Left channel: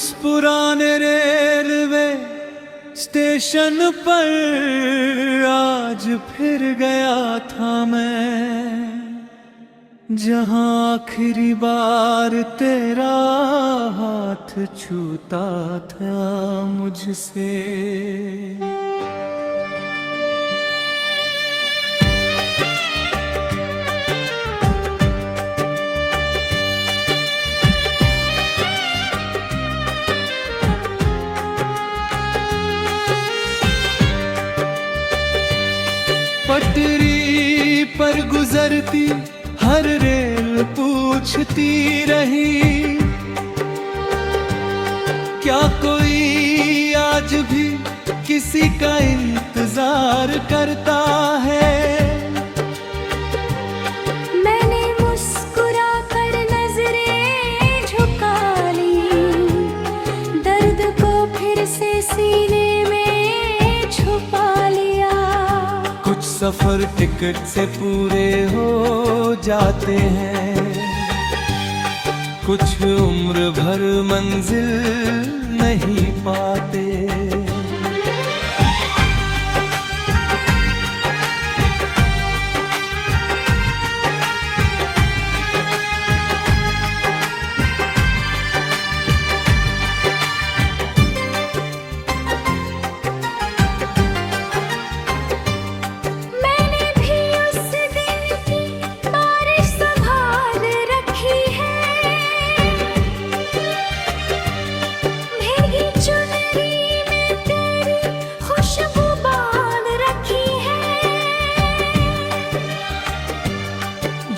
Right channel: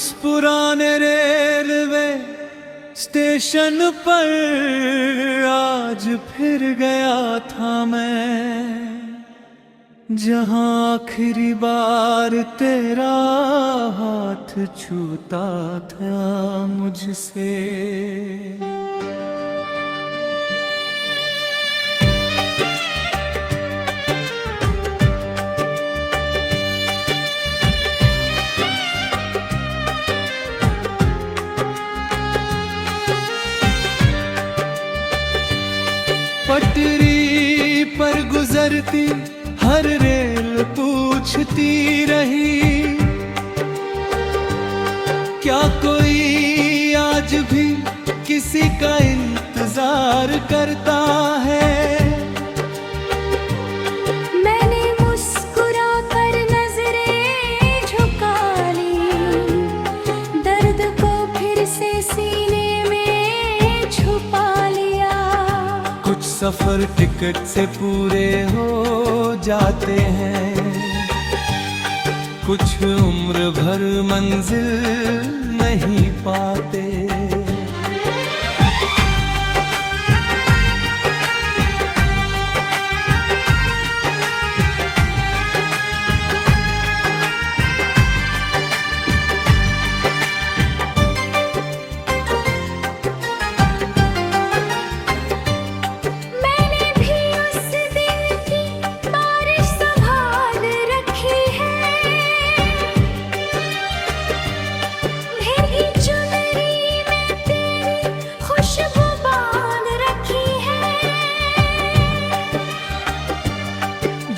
उस पुराने railway station पर आज फिर गया था मैं, जहां आखिरी बार तेरा हाथ छूता था मुझसे। पटरी पर गुजरती हर रेल पूछती रही, क्या कोई आज भी किसी का इंतजार करता है। मैंने मुस्कुरा कर नजरें झुका ली, दर्द को फिर से सीने में छुपा लिया। कुछ सफर टिकट से पूरे हो जाते हैं, कुछ उम्र भर मंजिल नहीं पाते।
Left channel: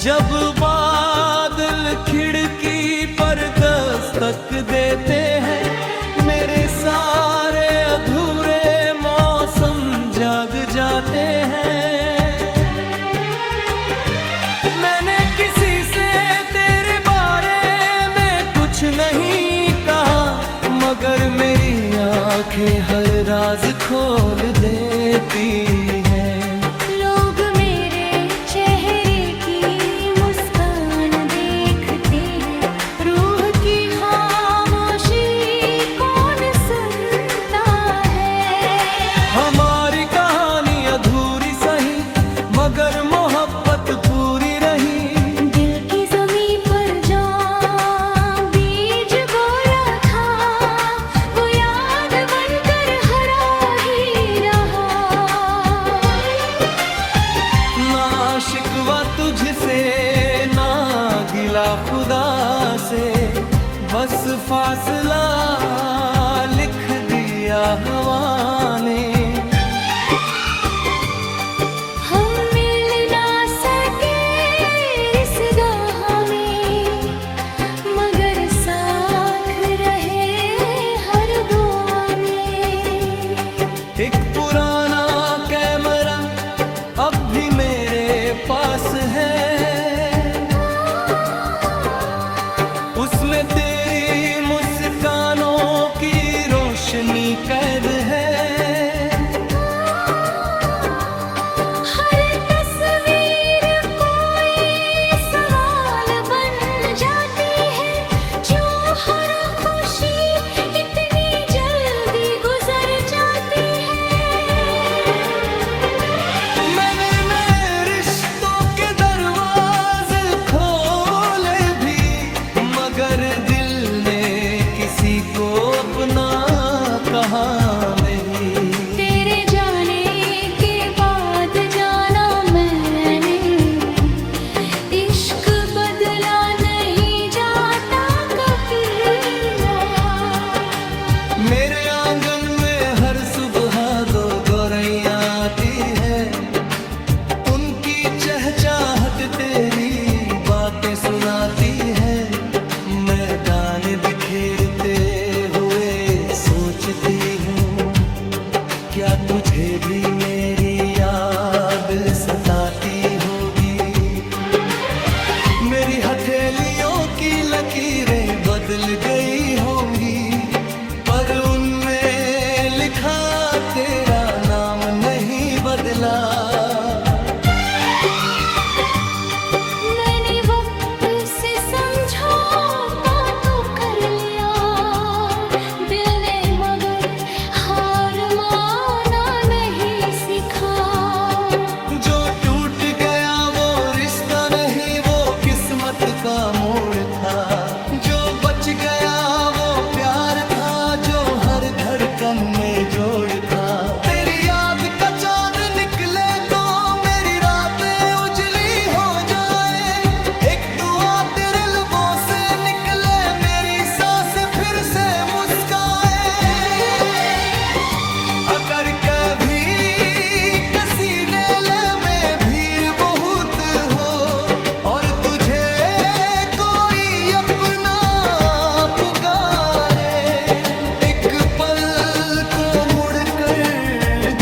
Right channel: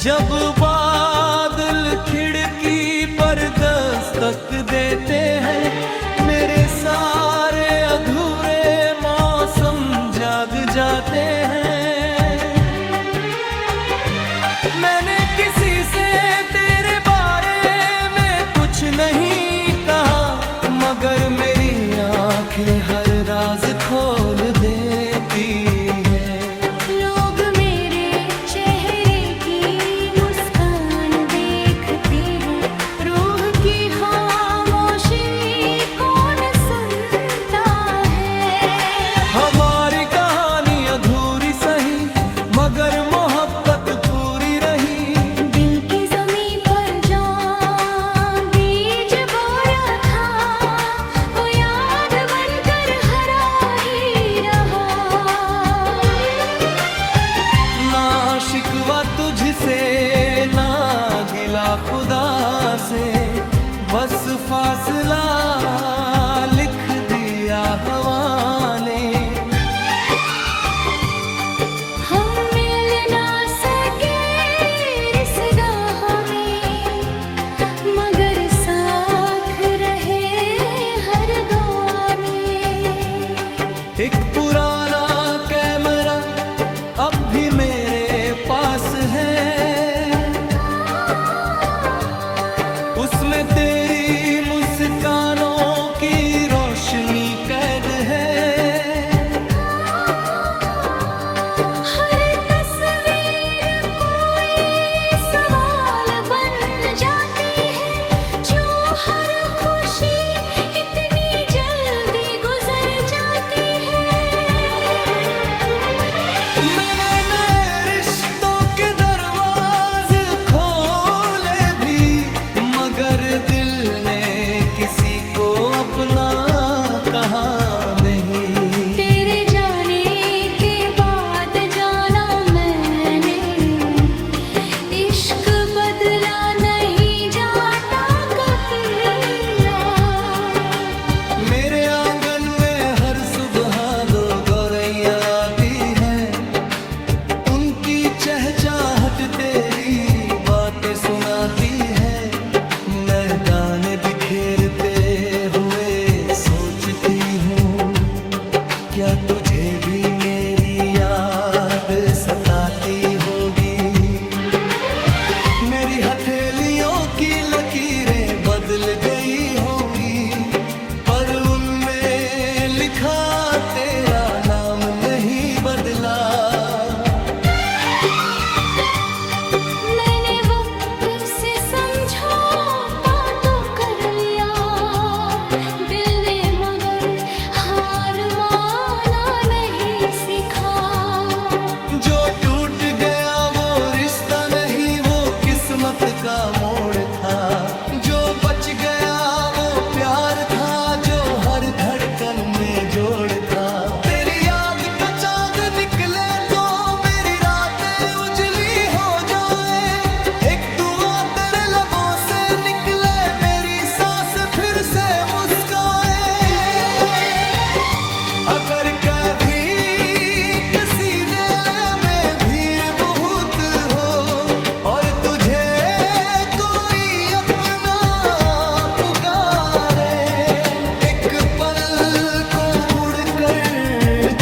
जब बादल खिड़की पर दस्तक देते हैं, मेरे सारे अधूरे मौसम जाग जाते हैं। मैंने किसी से तेरे बारे में कुछ नहीं कहा, मगर मेरी आंखें हर राज खोल देती हैं। मगर मोहब्बत पूरी रही। दिल की ज़मीं पर जान बीज बोया था, वो याद बनकर हरा ही रहा। ना शिकवा तुझसे ना गिला खुदा से, बस फासला लिख दिया हवा ने। एक पुराना कैमरा अब भी मेरे पास है, उसमें तेरी मुस्कानों की रोशनी कैद है। किसी को अपना कहा नहीं। तेरे जाने के बाद जाना मैंने, इश्क बदला नहीं जाता कभी। मेरे आंगन में हर सुबह दो गौरैया आती है, उनकी चहचहाट तेरी बातें सुनाती है। मैदान बिखेरते हुए सोचती हूँ, क्या तुझे भी मेरी याद सताती होगी। मेरी हथेलियों की लकीरें बदल गई होंगी, पर उनमें लिखा तेरा नाम नहीं बदला। मैंने वक्त से समझौता तो कर लिया, का मोड़ था। जो बच गया वो प्यार था, जो हर धड़कन में जोड़ था। तेरी याद का चांद निकले तो मेरी रातें उजली हो जाए। एक दुआ तेरे लबों से निकले, मेरी सांसें फिर से मुस्काए। अगर कभी किसी दिल में भीड़ बहुत हो और तुझे कोई अपना पुकारे, एक पल को मुड़ कर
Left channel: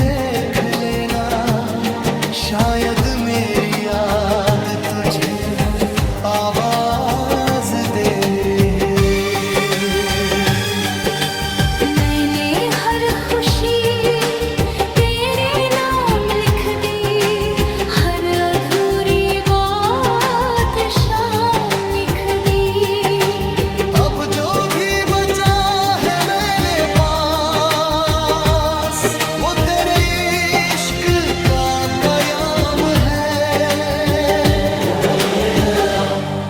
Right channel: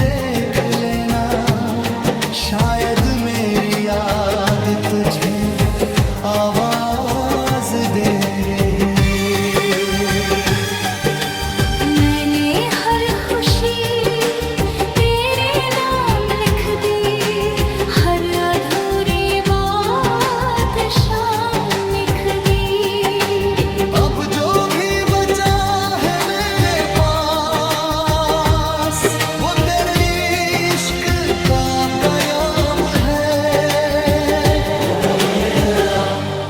देख लेना। शायद मेरी याद तुझे आवाज दे रही। मैंने हर खुशी तेरे नाम लिख दी, हर अधूरी बात शाम लिख दी। अब जो भी बचा है मेरे पास, वो तेरे इश्क का बयाम है।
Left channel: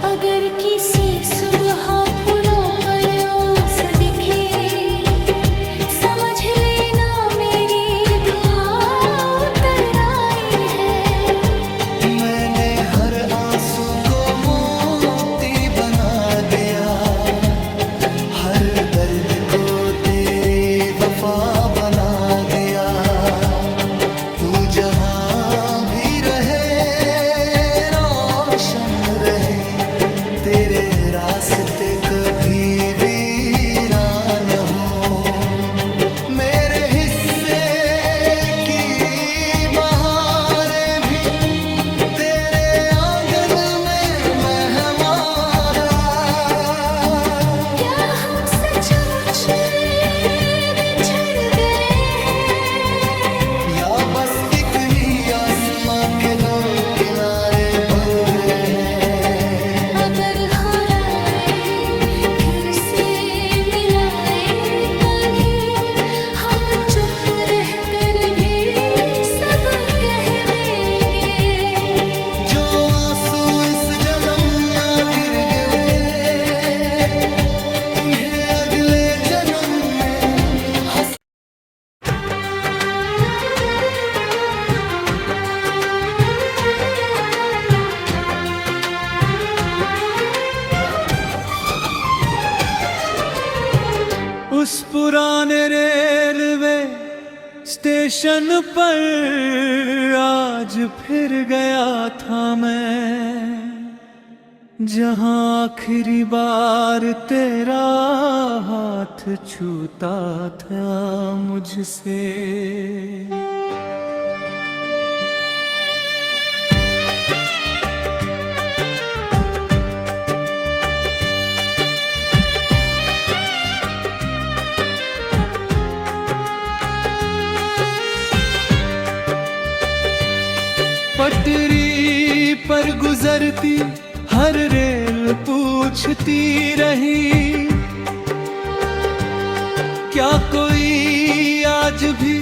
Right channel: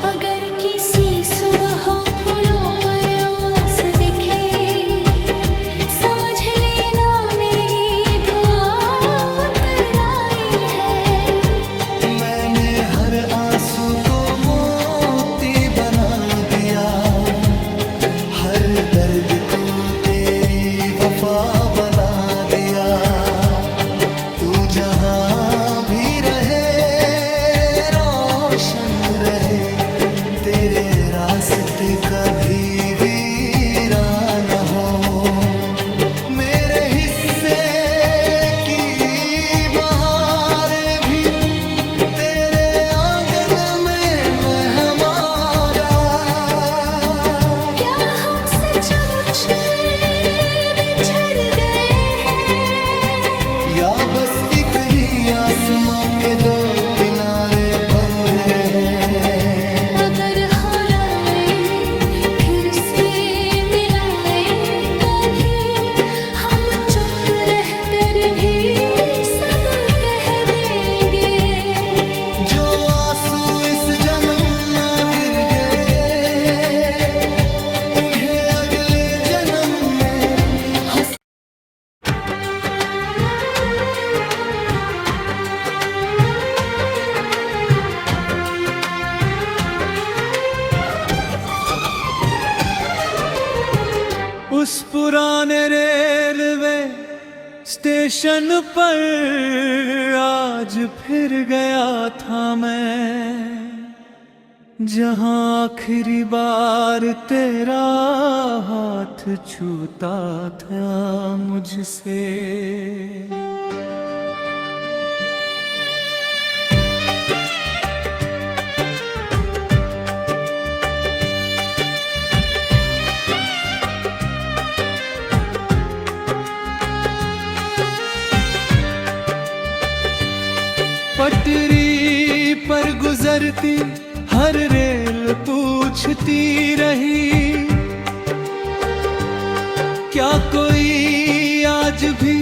अगर किसी सुबह फूलों पर ओस दिखे, समझ लेना मेरी दुआ उतर आई है। मैंने हर आंसू को मोती बना दिया, हर दर्द को तेरी वफा बना दिया। तू जहां भी रहे रोशन रहे, तेरे रास्ते कभी वीरान हो। मेरे हिस्से की बहारें भी तेरे आंगन में मेहमारा। क्या हम सचमुच बिछड़ गए हैं, या बस एक ही आसमां के दो किनारे बोल रहे हैं। अगर हराए फिर से मिलाए कभी, हम चुप रह कर भी सब कह देंगे। जो आंसू इस जन्म ना गिर गए, उन्हें अगले जन्म में हंस। उस पुराने रेलवे स्टेशन पर आज फिर गया था मैं, जहां आखिरी बार तेरा हाथ छूता था मुझसे। पटरी पर गुजरती हर रेल पूछती रही, क्या कोई आज भी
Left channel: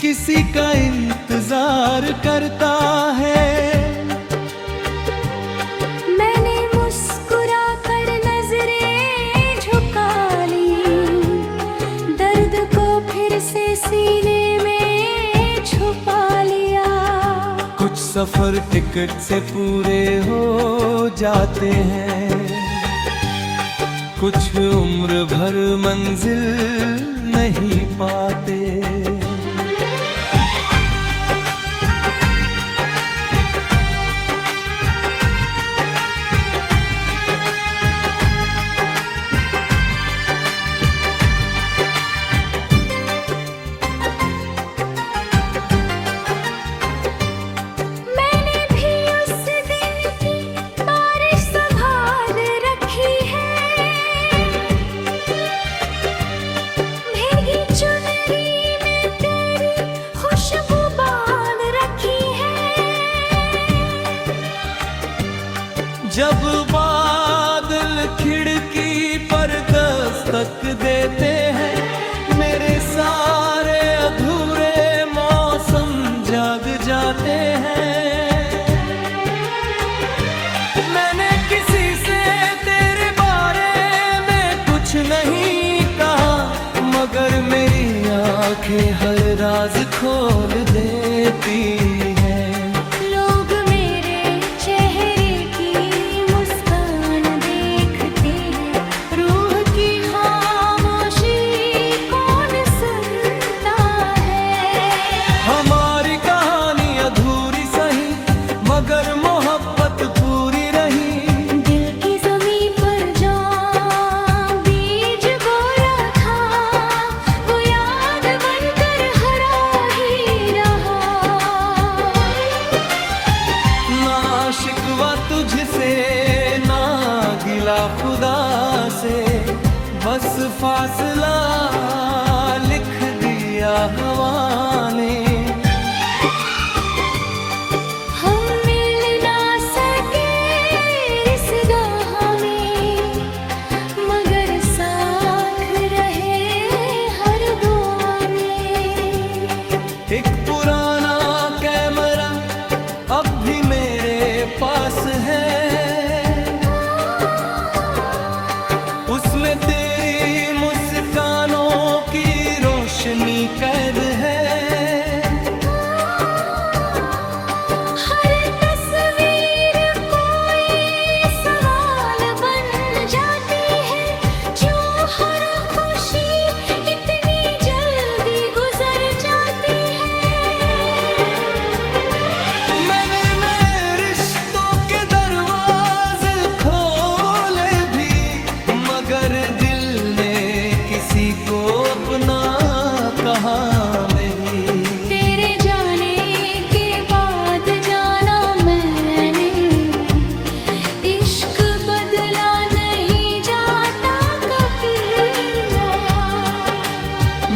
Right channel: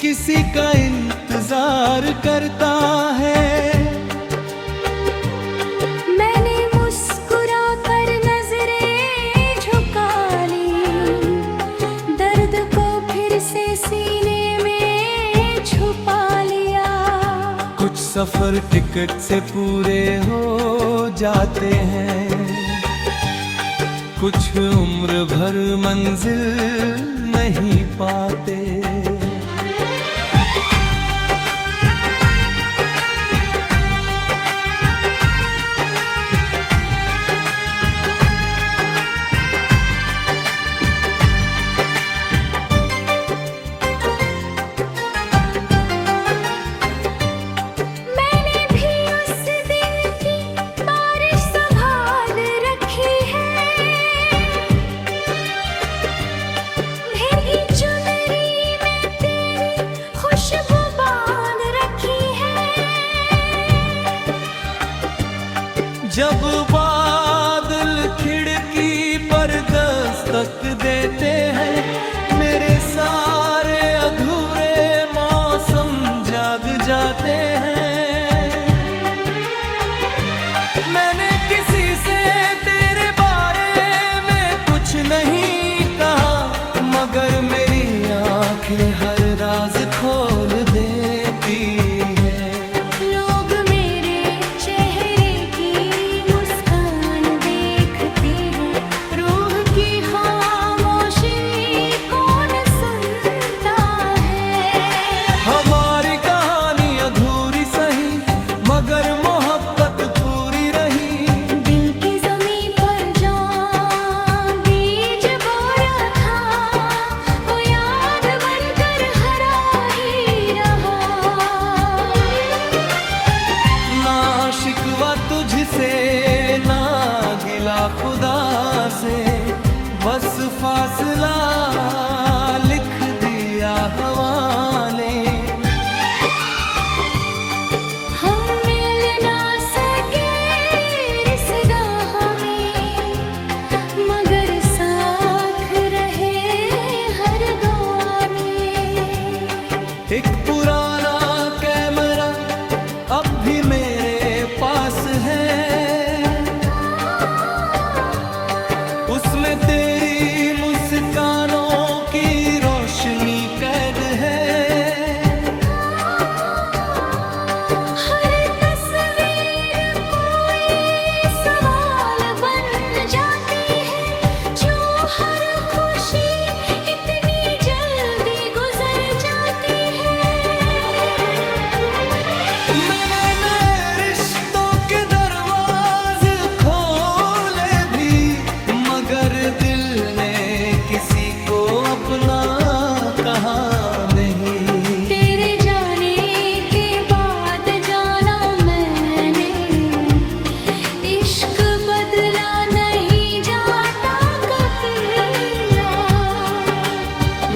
किसी का इंतजार करता है। मैंने मुस्कुरा कर नजरें झुका ली, दर्द को फिर से सीने में छुपा लिया। कुछ सफर टिकट से पूरे हो जाते हैं, कुछ उम्र भर मंजिल नहीं पाते। मैंने भी उस दिन की बारिश संभाल रखी है, भीगी चुनरी में तेरी खुशबू बांध रखी है। जब बादल खिड़की पर दस्तक देते हैं, मेरे सारे अधूरे मौसम जाग जाते हैं। मैंने किसी से आंखें हर राज खोल देती है। लोग मेरे चेहरे की मुस्कान देखते हैं, रूह की खामोशी कौन सुनता है। हमारी कहानी अधूरी सही मगर मोहब्बत पूरी रही। दिल की ज़मीं पर जहाँ बीज बोया था, वो याद बनकर हरा ही रहा। ना शिकवा तुझसे ना गिला खुदा से, बस फासला लिख दिया हवा ने। हम मिल ना सके इस राह में, मगर साथ रहे हर दुआ में। एक पुराना कैमरा अब भी मेरे पास है, उसमें तेरी मुस्कानों की रोशनी कैद है। हर तस्वीर कोई सवाल बन जाती है, जो हर खुशी इतनी जल्दी गुजर जाती है। मैंने नए रिश्तों के दरवाजे खोले भी, मगर दिल ने किसी को अपना कहा नहीं। तेरे जाने के बाद जाना मैंने, इश्क बदला नहीं जाता कभी।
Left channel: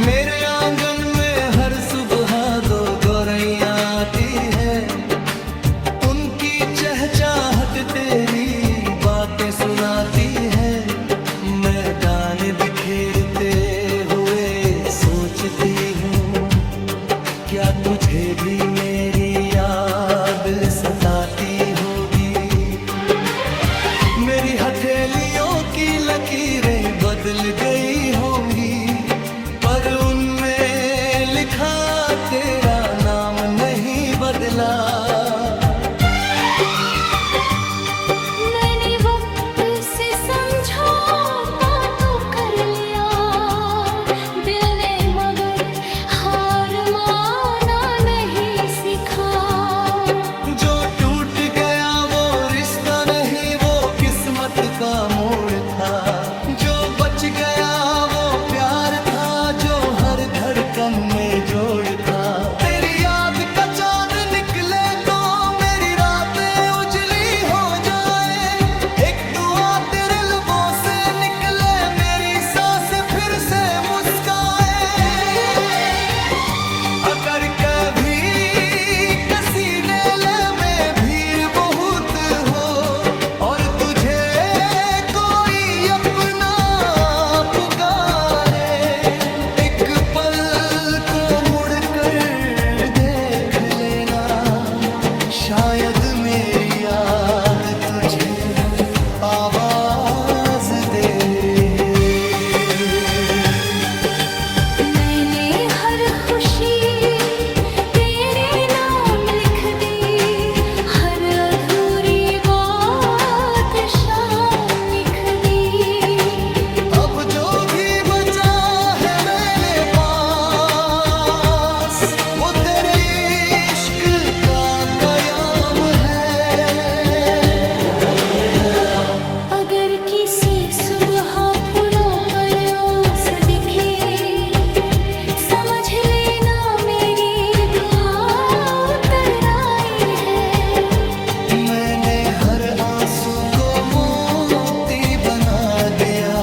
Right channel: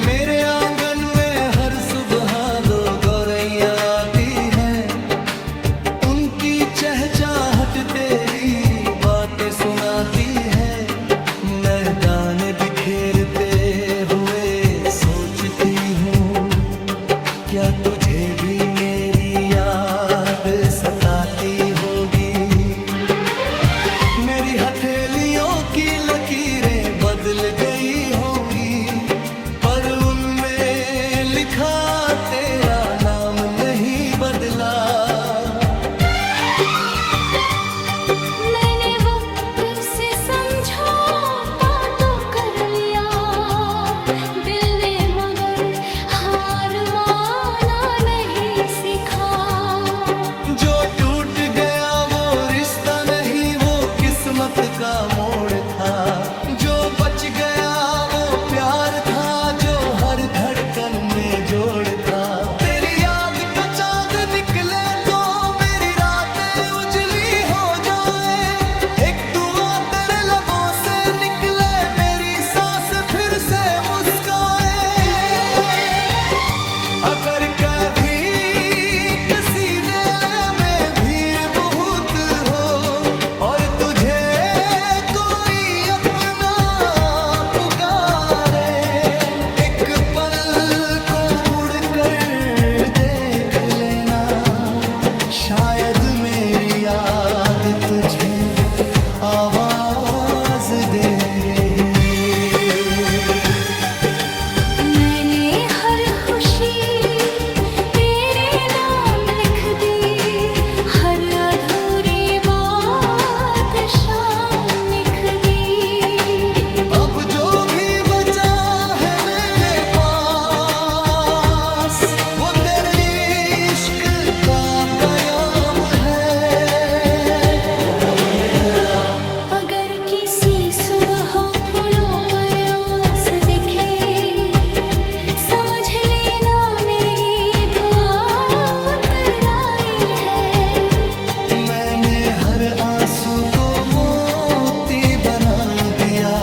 मेरे आंगन में हर सुबह दो गौरैया आती है, उनकी चहचहाट तेरी बातें सुनाती है। मैदान बिखेरते हुए सोचती हूँ, क्या तुझे भी मेरी याद सताती होगी। मेरी हथेलियों की लकीरें बदल गई होंगी, पर उनमें लिखा तेरा नाम नहीं बदला। मैंने वक्त से समझौता तो कर लिया, दिल ने मगर हार माना नहीं सीखा। जो टूट गया वो रिश्ता नहीं, वो किस्मत का मोड़ था। जो बच गया वो प्यार था, जो हर धड़कन में जोड़ था। तेरी याद का चांद निकले तो मेरी रातें उजली हो जाए। एक दुआ तेरे लबों से निकले, मेरी सांस फिर से मुस्काए। अगर कभी किसी दिल में भीड़ बहुत हो और तुझे कोई अपना पुकारे, एक पल को मुड़ कर देख लेना। शायद मेरी याद तुझे आवाज दे रहे। मैंने हर खुशी तेरे नाम लिख दी, हर अधूरी बात शाम लिख दी। अब जो भी बचा है मेरे पास, वो तेरे इश्क का कयाम है। अगर किसी सुबह फूलों पर ओस दिखे, समझ लेना मेरी दुआ उतर आई है। मैंने हर आंसू को मोती बना दिया,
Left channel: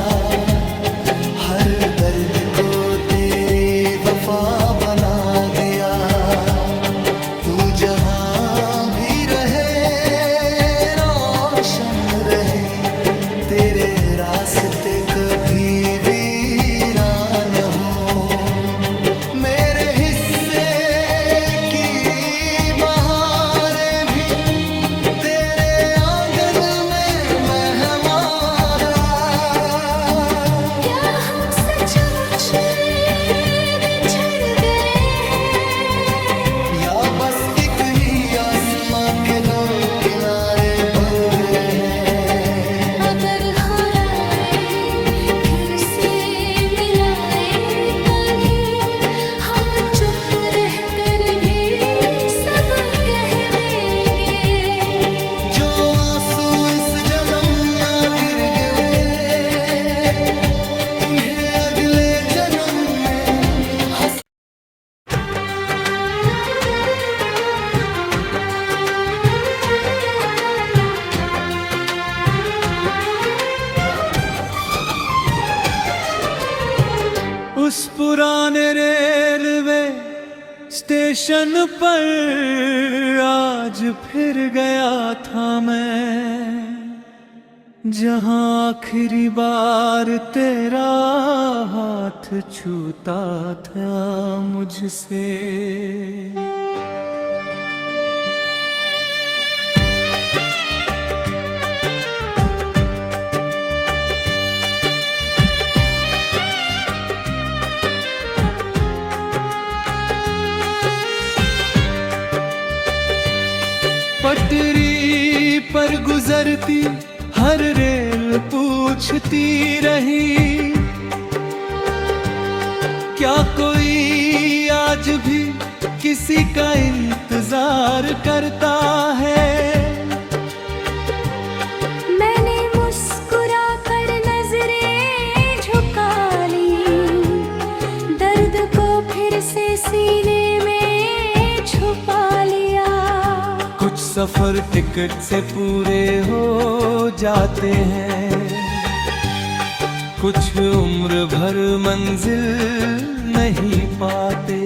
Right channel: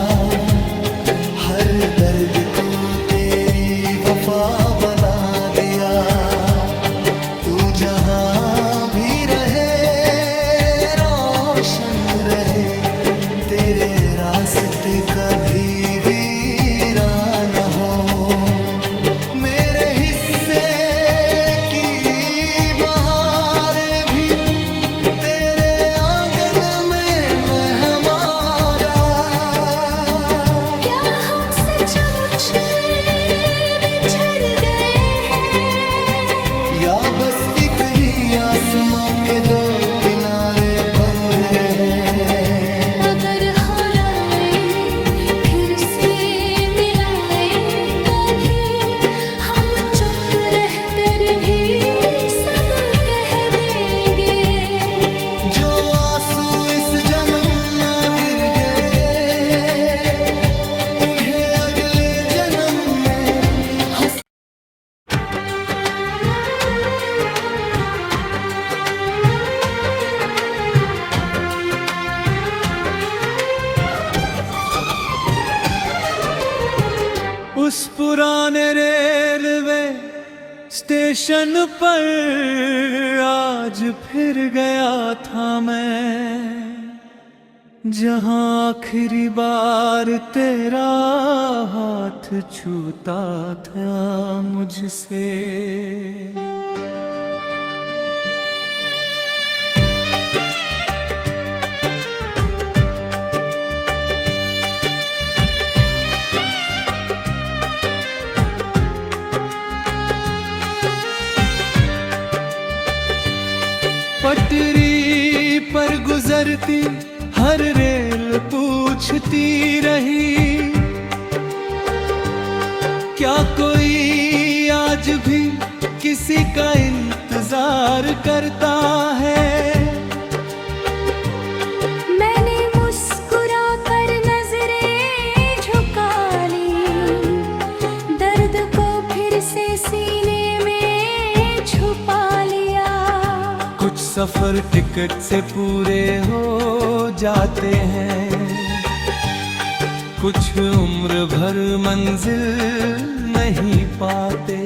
हर दर्द को तेरी वफा बना दिया। तू जहां भी रहे रोशन रहे, तेरे रास्ते कभी वीरान हो। मेरे हिस्से की बहारें भी तेरे आंगन में मेहमारा। क्या हम सचमुच बिछड़ गए हैं, या बस एक ही आसमां के दो किनारे बढ़ रहे हैं। अगर हराए फिर से मिलाए कभी, हम चुप रह कर भी सब कह देंगे। जो आंसू इस जन्म ना गिर गए, उन्हें अगले जन्म में हंस उस पुराने रेलवे स्टेशन पर आज फिर गया था मैं, जहां आखिरी बार तेरा हाथ छूता था मुझसे। पटरी पर गुजरती हर रेल पूछती रही, क्या कोई आज भी किसी का इंतजार करता है। मैंने मुस्कुरा कर नजरें झुका ली, दर्द को फिर से सीने में छुपा लिया। कुछ सफर टिकट से पूरे हो जाते हैं, कुछ उम्र भर मंजिल नहीं पाते।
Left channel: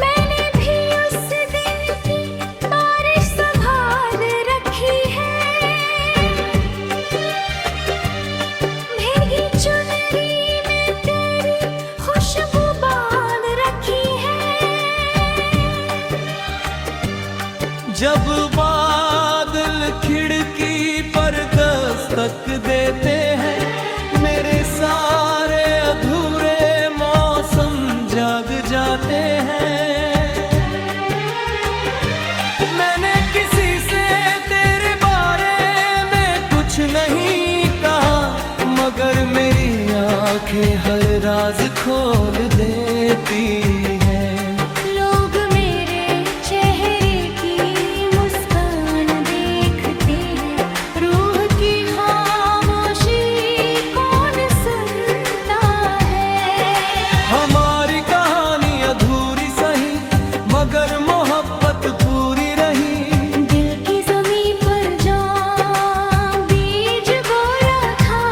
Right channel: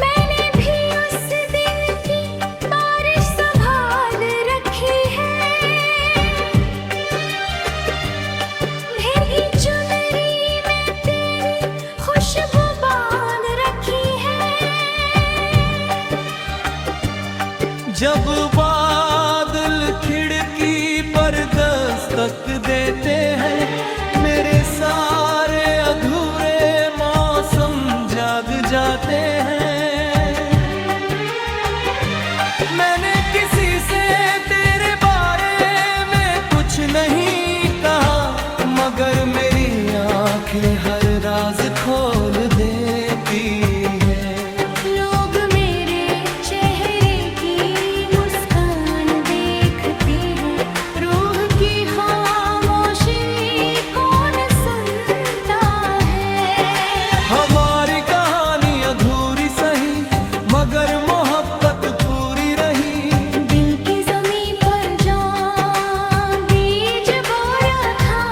मैंने भी उस दिन की बारिश संभाल रखी है, भीगी चुनरी में तेरी खुशबू बांध रखी है। जब बादल खिड़की पर दस्तक देते हैं, मेरे सारे अधूरे मौसम जाग जाते हैं। मैंने किसी से तेरे बारे में कुछ नहीं कहा, मगर मेरी आंखें हर राज खोल देती हैं। लोग मेरे चेहरे की मुस्कान देखते हैं, रूह की खामोशी कौन सुनता है। हमारी कहानी अधूरी सही, मगर मोहब्बत पूरी रही। दिल की ज़मीं पर जहाँ बीज बोया था,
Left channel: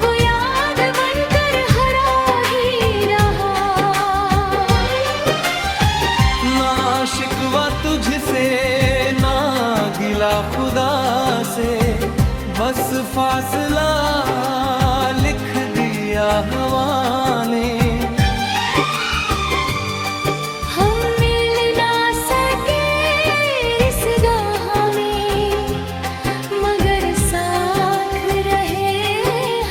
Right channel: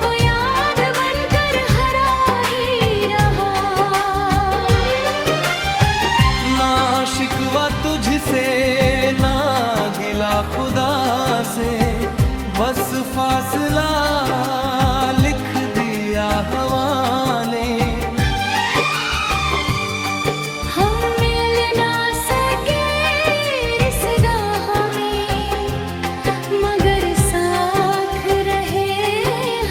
वो याद बनकर हरा ही रहा। ना शिकवा तुझसे ना गिला खुदा से, बस फासला लिख दिया हवा ने। हम मिल ना सके इस राह में, मगर साथ रहे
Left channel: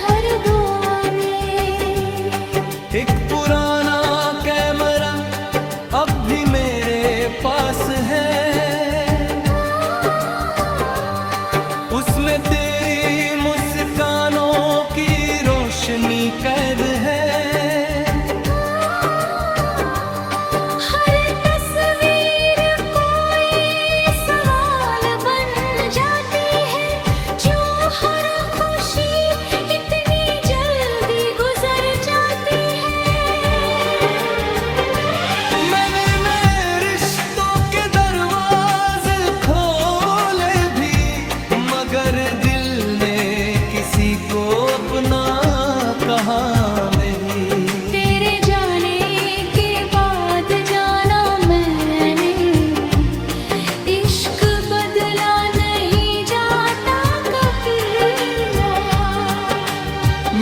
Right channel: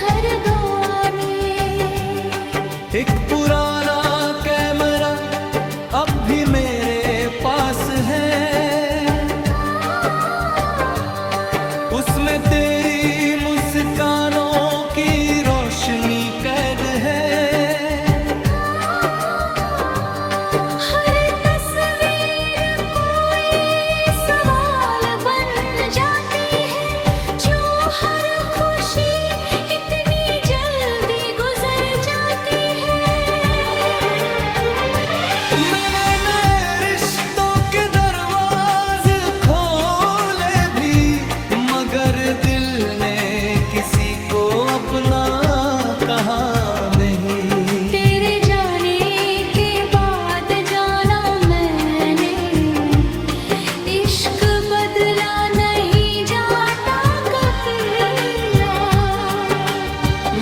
हर दुआ में। एक पुराना कैमरा अब भी मेरे पास है, उसमें तेरी मुस्कानों की रोशनी कैद है। हर तस्वीर कोई सवाल बन जाती है, जो हर खुशी इतनी जल्दी गुजर जाती है। मैंने नए रिश्तों के दरवाजे खोले भी, मगर दिल ने किसी को अपना कहा नहीं। तेरे जाने के बाद जाना मैंने, इश्क बदला नहीं जाता कभी।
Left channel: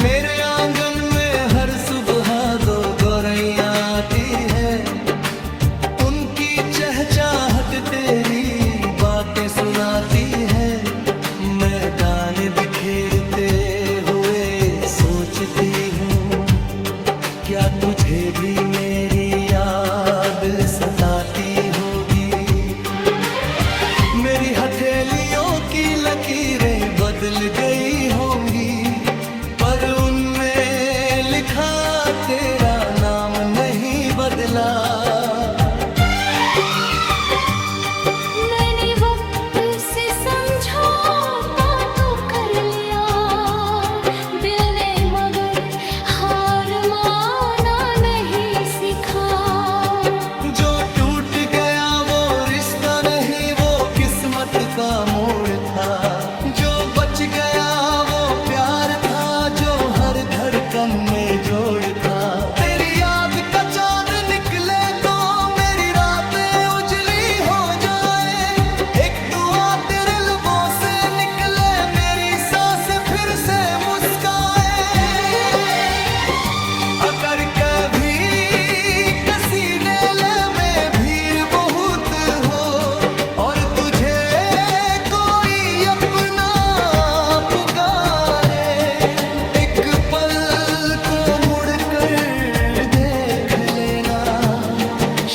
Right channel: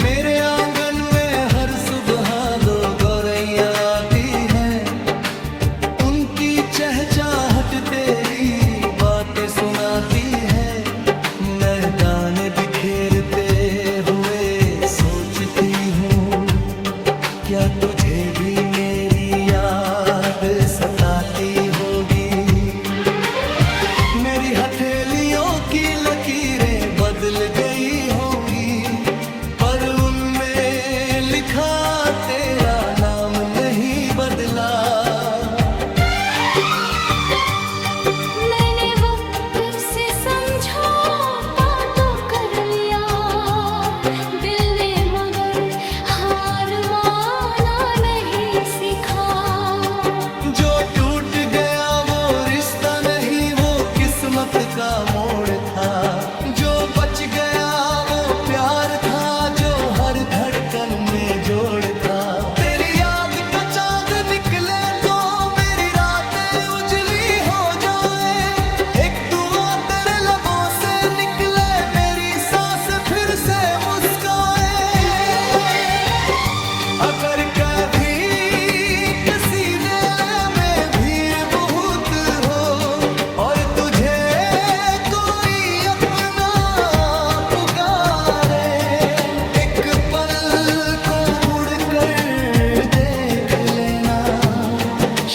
मेरे चाहत तेरी बातें सुनाती है, मैदान बिखेरते हुए सोचती हूँ, क्या तुझे भी मेरी याद सताती होगी। मेरी हथेलियों की लकीरें बदल गई होंगी, पर उनमें लिखा तेरा नाम नहीं बदला। मैंने वक्त से समझौता तो कर लिया, दिल ने मगर हार माना नहीं सीखा। जो टूट गया वो रिश्ता नहीं, वो किस्मत का मोड़ था। जो बच गया वो प्यार था, जो हर धड़कन में जोड़ था। तेरी याद का चांद निकले तो मेरी रातें उजली हो जाए। एक दुआ तेरे लबों से निकले, मेरी सांस फिर से मुस्काए। अगर कभी किसी दिल में भीड़ बहुत हो और तुझे कोई अपना पुकारे, एक पल को मुड़ कर देख लेना,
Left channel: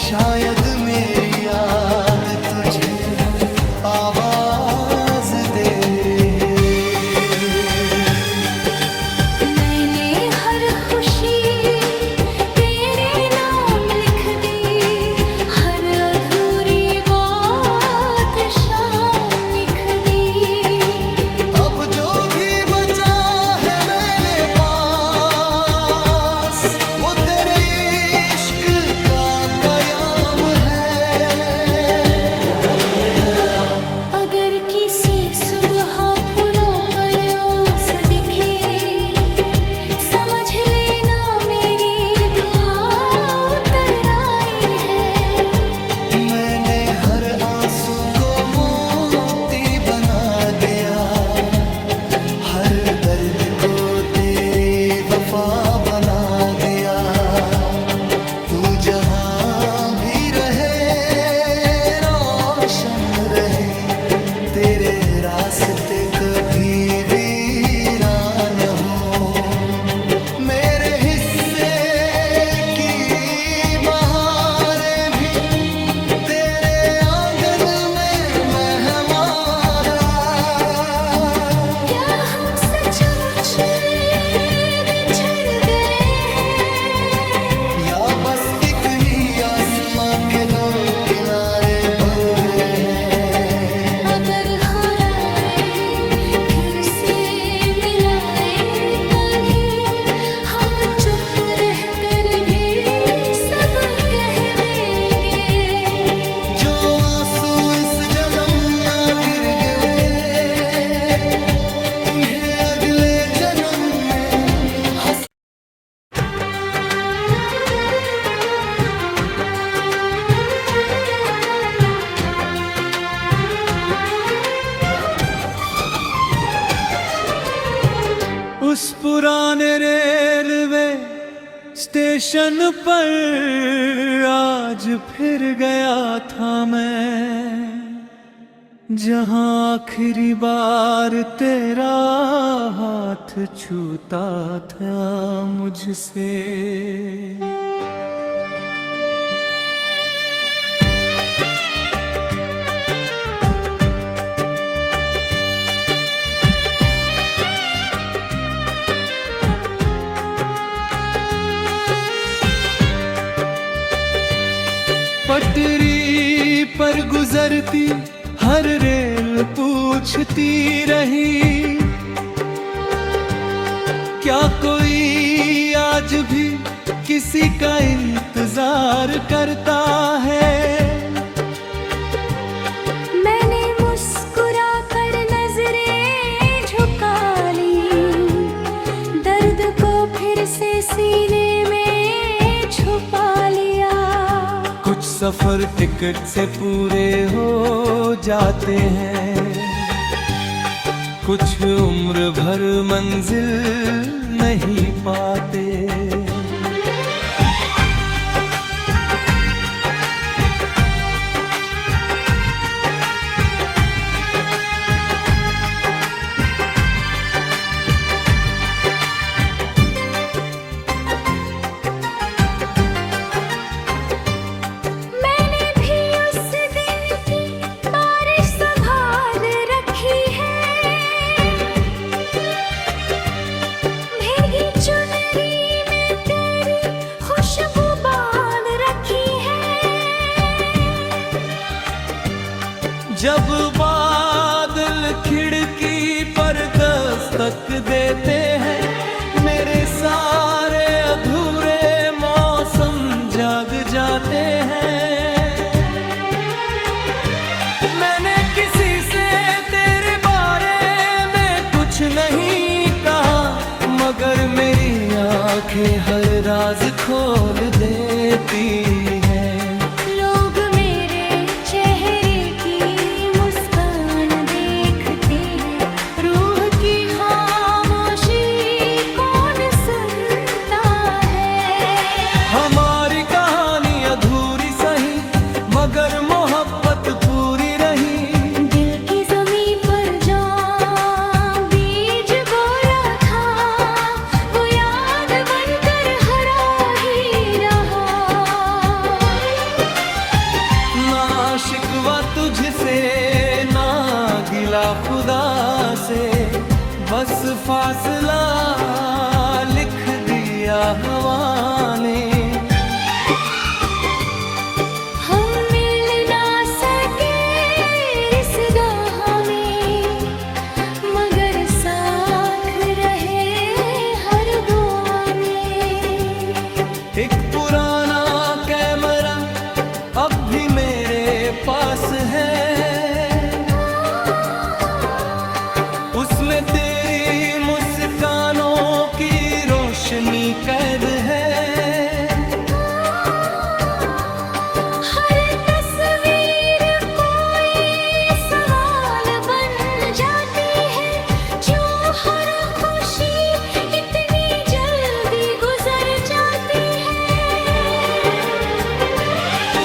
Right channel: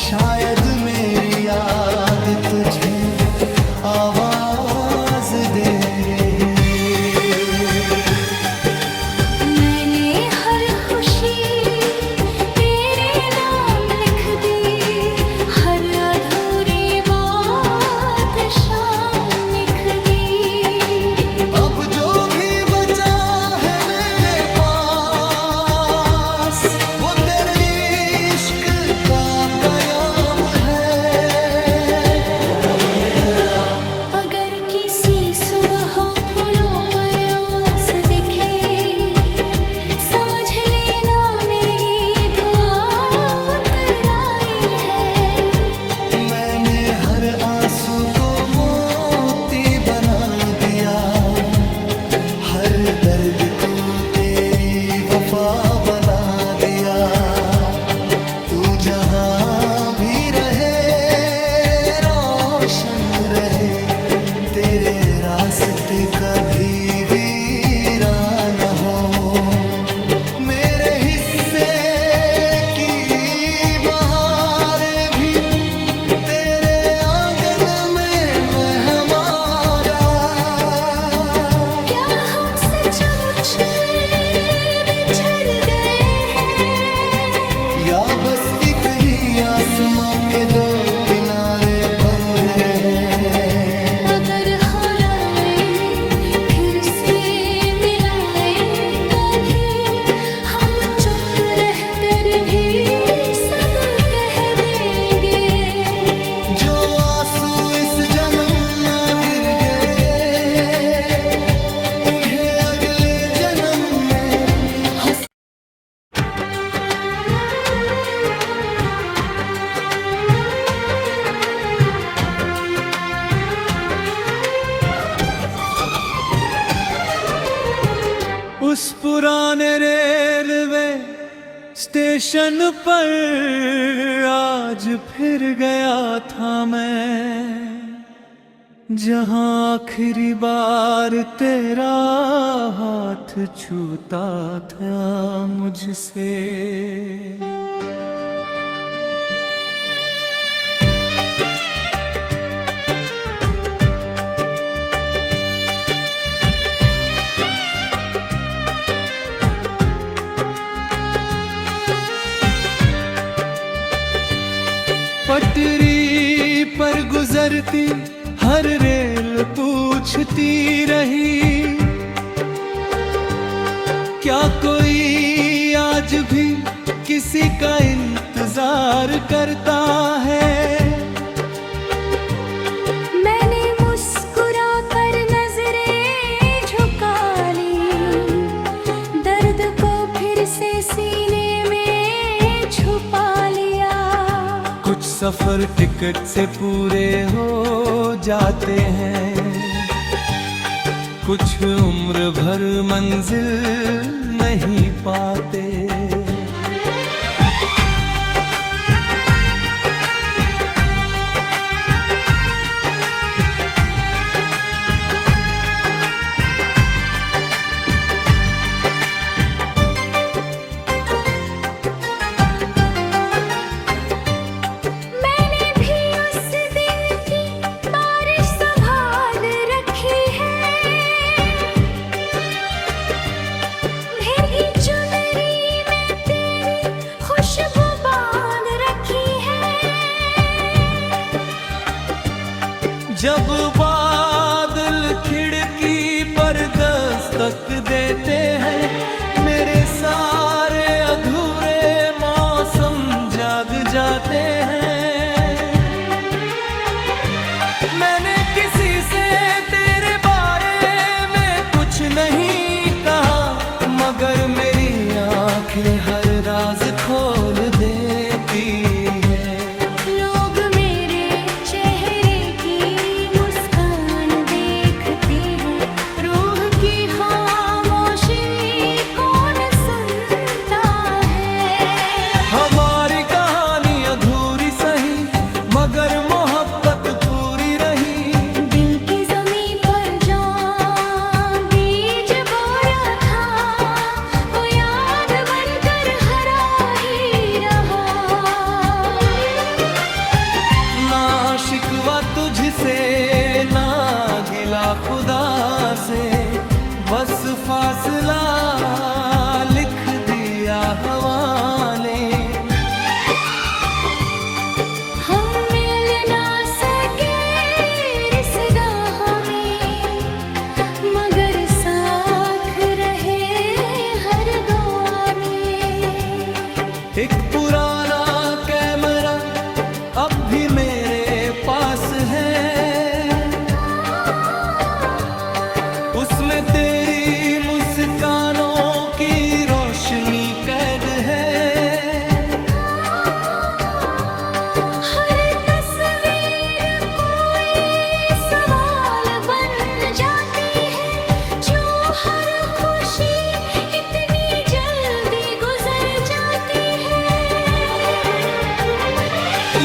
शायद मेरी याद तुझे आवाज दे रहे। मैंने हर खुशी तेरे नाम लिख दी, हर अधूरी बात शाम लिख दी। अब जो भी बचा है मेरे पास, वो तेरे इश्क का बयाम है। अगर किसी सुबह फूलों पर ओस दिखे, समझ लेना मेरी दुआ उतर आई है। मैंने हर आंसू को मोती बना दिया, हर दर्द को तेरी वफा बना दिया। तू जहां भी रहे रोशन रहे, तेरे रास्ते कभी वीरान हो। मेरे हिस्से की बहारें भी तेरे आंगन में मेहमारा। क्या हम सचमुच बिछड़ गए हैं, या बस एक ही आसमां के दो किनारे बोले हैं। अगर हराए फिर से मिलाए कभी, हम चुप रह कर भी सब कह देंगे। जो आंसू इस जन्म ना गिर गए, उन्हें अगले जन्म में हंस। उस पुराने रेलवे स्टेशन पर आज फिर गया था मैं, जहां आखिरी बार तेरा हाथ छूता था मुझसे। पटरी पर गुजरती हर रेल पूछती रही, क्या कोई आज भी किसी का इंतजार करता है। मैंने मुस्कुरा कर नजरें झुका ली, दर्द को फिर से सीने में छुपा लिया। कुछ सफर टिकट से पूरे हो जाते हैं, कुछ उम्र भर मंजिल नहीं पाते। जब बादल खिड़की पर दस्तक देते हैं, मेरे सारे अधूरे मौसम जाग जाते हैं। मैंने किसी से तेरे बारे में कुछ नहीं कहा, मगर मेरी आंखें हर राज खोल देती हैं। लोग मेरे चेहरे की मुस्कान देखते हैं, रूह की खामोशी कौन सुनता है। हमारी कहानी अधूरी सही, मगर मोहब्बत पूरी रही। दिल की ज़मीं पर जहाँ बीज बोया था, वो याद बनकर हरा ही रहा। ना शिकवा तुझसे ना गिला खुदा से, बस फासला लिख दिया हवा ने। हम मिल ना सके इस राह में, मगर साथ रहे हर दुआ में। एक पुराना कैमरा अब भी मेरे पास है, उसमें तेरी मुस्कानों की रोशनी कैद है। हर तस्वीर कोई सवाल बन जाती है, जो हर खुशी इतनी जल्दी गुजर जाती है।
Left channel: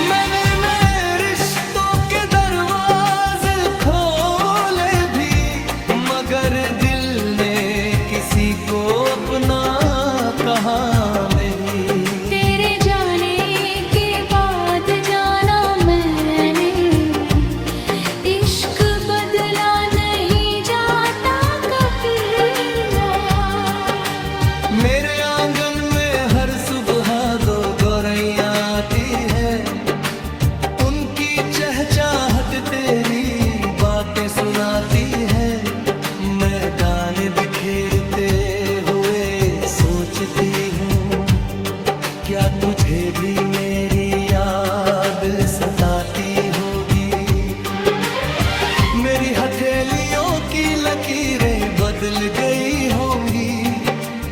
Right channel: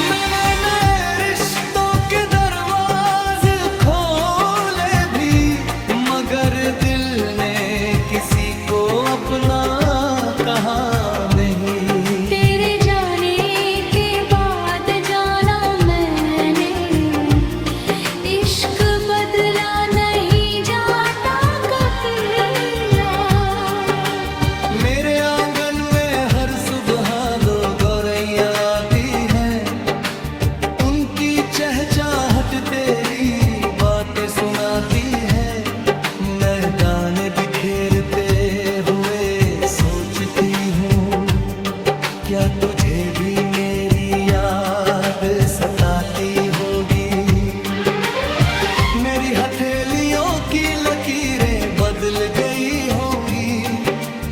मैंने नए रिश्तों के दरवाजे खोले भी, मगर दिल ने किसी को अपना कहा नहीं। तेरे जाने के बाद जाना मैंने, इश्क बदला नहीं जाता कभी। मेरे आंगन में हर सुबह दो गौरैया आती है, उनकी चहचहाट तेरी बातें सुनाती है। मैदान बिखेरते हुए सोचती हूँ, क्या तुझे भी मेरी याद सताती होगी। मेरी हथेलियों की लकीरें बदल गई होंगी,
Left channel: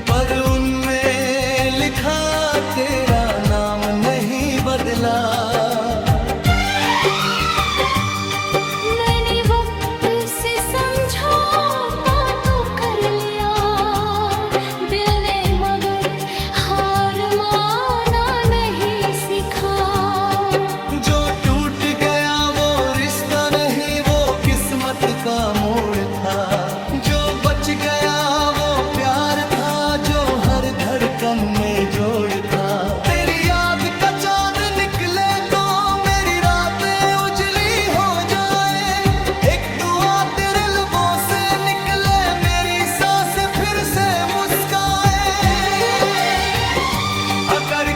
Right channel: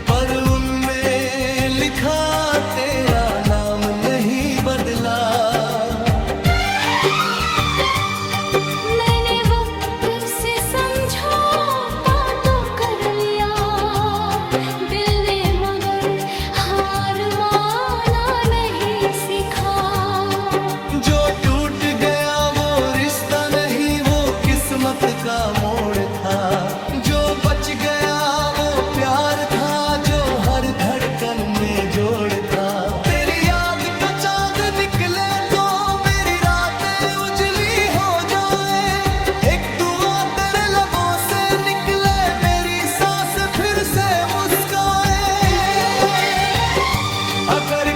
पर उनमें लिखा तेरा नाम नहीं बदला। मैंने वक्त से समझौता तो कर लिया, दिल ने मगर हार माना नहीं सीखा। जो टूट गया वो रिश्ता नहीं, वो किस्मत का मोड़ था। जो बच गया वो प्यार था, जो हर धड़कन में जोड़ था। तेरी याद का चांद निकले तो मेरी रातें उजली हो जाए। एक दुआ तेरे लबों से निकले, मेरी सांसें फिर से मुस्काए। अगर